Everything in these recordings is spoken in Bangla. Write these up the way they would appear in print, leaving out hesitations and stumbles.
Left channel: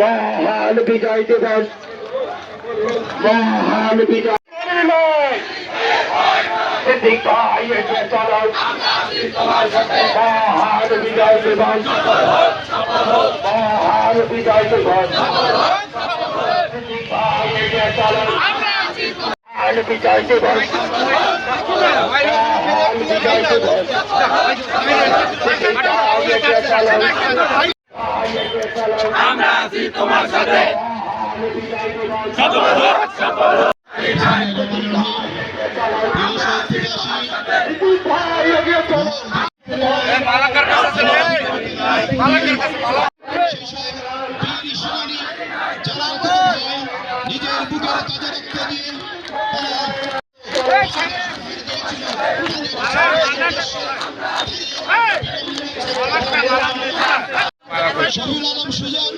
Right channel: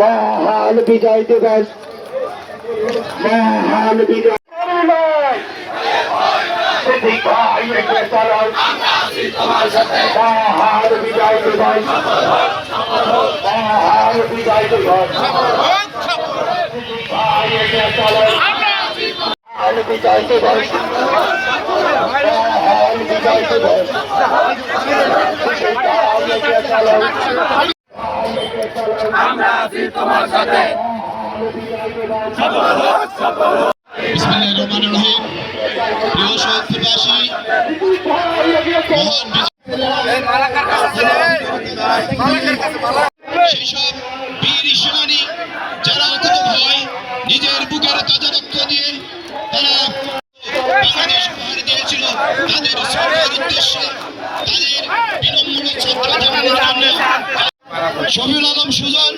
মহান বিজয় দিবস, মহান বিজয় মহান বিজয় দিবস, মহান বিজয় দিবস, মহান বিজয় দিবস, মহান বিজয় দিবস। আমরা আছি তোমার সাথে। প্রিয় শহরবাসী, সেসব বীর সেনানী যারা অকুত ভয় নিজের বুকের তাজা রক্ত দিয়ে তারা বাংলাদেশ উপহার দিয়েছিল, তাদের শ্রদ্ধার উদ্দেশ্যে শফিউল আলম সুজন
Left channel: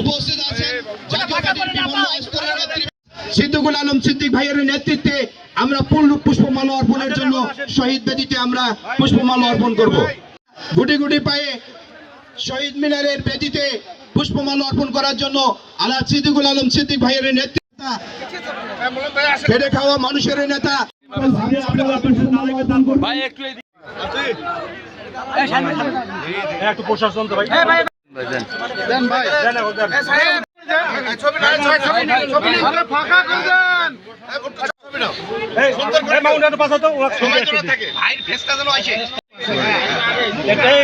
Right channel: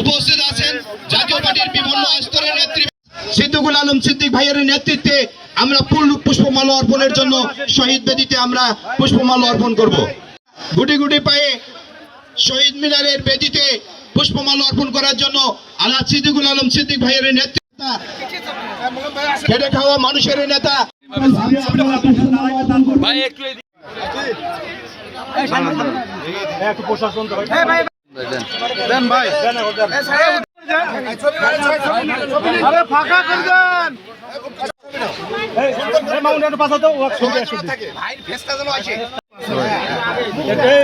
উপস্থিত আছেন। জাতীয় পার্টির বিভিন্ন স্তরের নেতৃত্ব সিদ্দিকুল আলম সিদ্দিক ভাইয়ের নেতৃত্বে আমরা পুষ্পমাল্য অর্পণের জন্য শহীদ বেদিতে আমরা পুষ্পমাল্য অর্পণ করব। গুটি গুটি পায়ে শহীদ মিনারের বেদিতে পুষ্পমাল্য অর্পণ করার জন্য আলহাজ সিদ্দিকুল আলম সিদ্দিক ভাইয়ের নেতৃত্বে খেটে খাওয়া মানুষের নেতা একটু প্রশাসন তো ভাই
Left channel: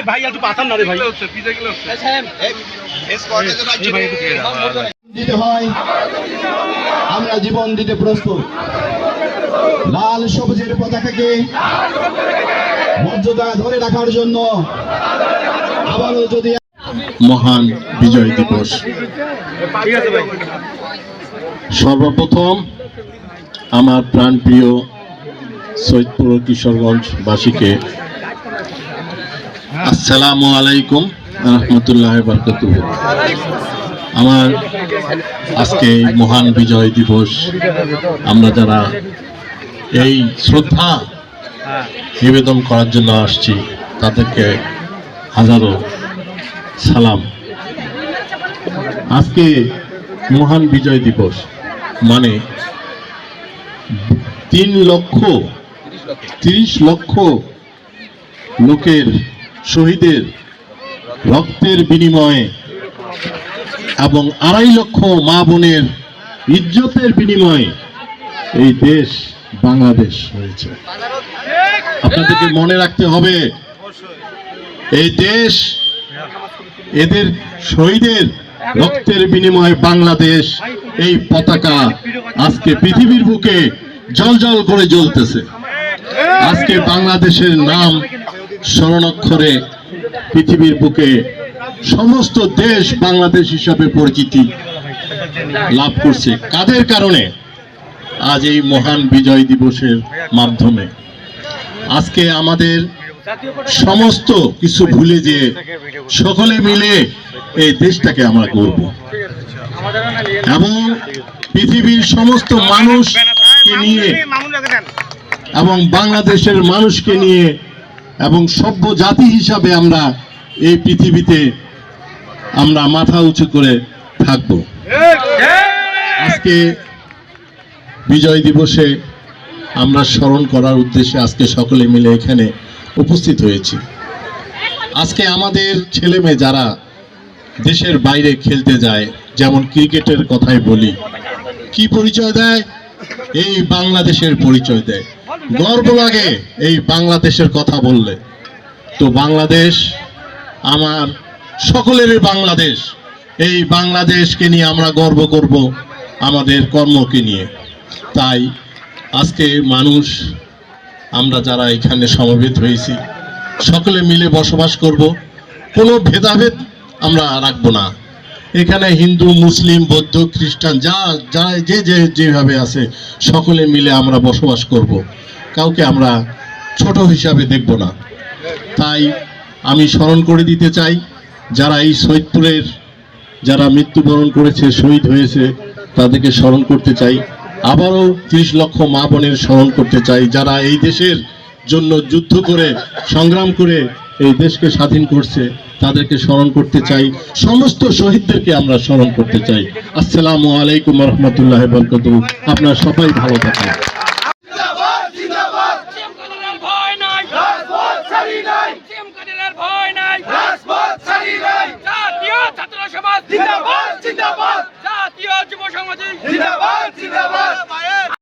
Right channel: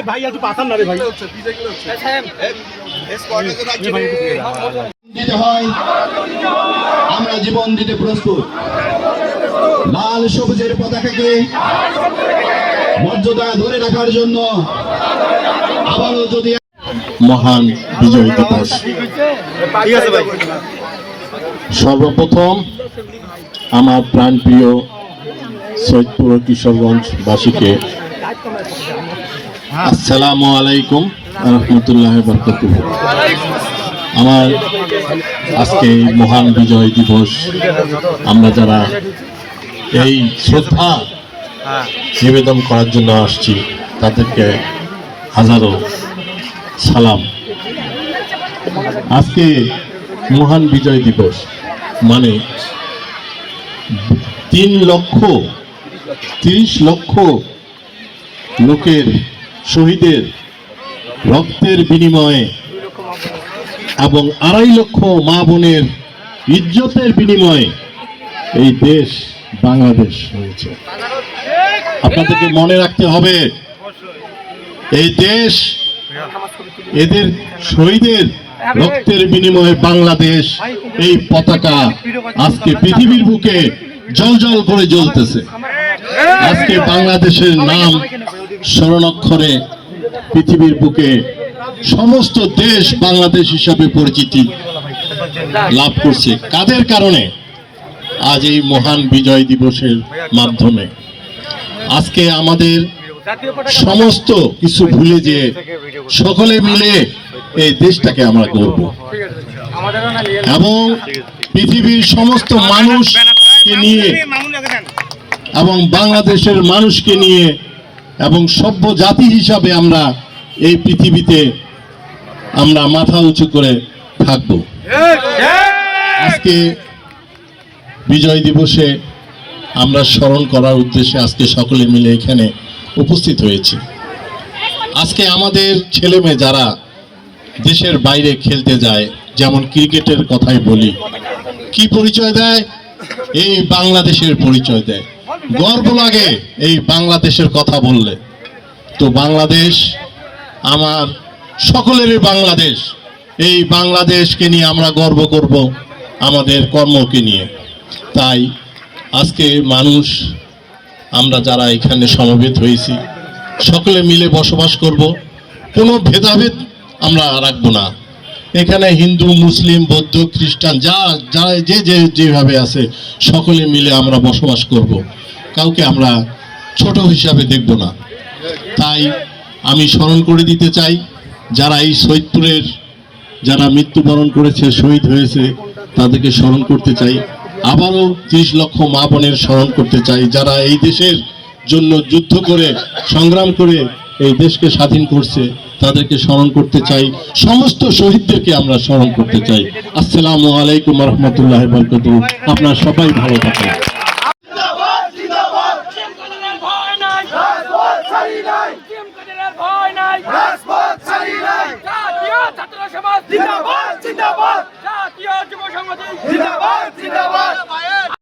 ভাই একটু পাঠান না রে ভাই দিতে হয়, আমরা জীবন দিতে প্রস্তুত। লাল সবুজের পতাকাকে মর্যাদা ধরে রাখার জন্য আবারও যদি মহান বিজয় দিবস। সর্বপ্রথম আমার প্রাণপ্রিয় সৈয়দপুর কিশোরগঞ্জ বাসীকে আসসালামু আলাইকুম রহমতুল্লাহ বারাকাতুহ। আমার আজকে এই মহান বিজয় দিবস আমরা যারা এই শ্রদ্ধা নিবেদন করার জন্য আসছি তাদেরকে হাজারো সালাম। আজকে মহান বিজয় দিবস মানে ৩,৩০,০০,০০০ লোকের শহীদের রক্তের বিনিময়ে এবং ২.৫ লক্ষ মা বোনের ইজ্জতের বিনিময়ে এই দেশ বাংলাদেশ হয়েছে। আপনাদেরকে মনে রাখতে হবে, এই দেশ এদের শহীদের রক্তের বিনিময়ে বাংলাদেশ, এই পতাকা আজকে পৃথিবীর বুকে জ্বলজ্বল করে জ্বলতেছে। আজকে বাংলাদেশের নাম স্মরণাক্ষরে পৃথিবীর বুকে সমস্ত দেশ বাংলাদেশ হিসাবে পরিচিতি লাভ করছে। কাদের কারণে? আজ এই মহান বিজয় দিবসের মাধ্যমে। আজকে আমাদের সমস্ত কিছু ভুলে যে সকলে মিলে এই দেশটাকে আমরা গড়ব এবং পৃথিবীর সমস্ত মানুষকে নিয়ে এবং বাংলাদেশের মানুষকে নিয়ে এবং সভ্য জাতি হিসাবে আমরা এই পৃথিবীতে আমরা মাথা উঁচু করে থাকব। আজকে বিজয় দিবসে আমরা স্মরণ করার উদ্দেশ্যে আজকে সকলে মিলে এখানে উপস্থিত হয়েছি। আজকে আমাদের ছেলে মেয়ে যারা দেশের বাইরে খেলতে যায়, যেমন ক্রিকেটের কথাই বলি, কি পরিচয় দেয়? এই বাংলাদেশের পরিচয় দেয়। গর্ব লাগে এই বাংলাদেশের কথা বললে। তো বাংলাদেশ আমার সকলেরই বাংলাদেশ। এই বাংলাদেশকে নিয়ে আমরা গর্ব করব, আমাদের কর্মকে নিয়ে। তাই আজকে মানুষ, আমরা যারা এখানে সমবেত হয়েছি, সকলে মিলে বসবাস করব, কোনো ভেদাভেদ আমরা রাখবো না। এখানে হিন্দু, মুসলিম, বৌদ্ধ, খ্রিস্টান যা যেভাবে আছে সকলে মিলে আমরা বসবাস করব, কাউকে আমরা ছোট হিসাবে দেখব না। তাই আমি স্মরণ করে দিতে চাই, যারা এই সৈয়দপুরের যারা মৃত্যুবরণ করেছে, শহীদ হয়েছে, তাদেরকে স্মরণ করতে চাই। আবারও 30 লক্ষ মা বোনের স্মরণ করতে চাই, যারা এই দেশের জন্য যুদ্ধ করে, সংগ্রাম করে এই দেশকে স্বাধীন করছে, তাদেরকে স্মরণ করতে চাই। সমস্ত শহীদদেরকে আমরা স্মরণ করতে চাই। আসসালামু আলাইকুম রহমতুল্লাহ বরকাতুহ। আপনারা সবাই ভালো থাকেন। জাতীয় যুব সংহতি জিন্দাবাদ জিন্দাবাদ।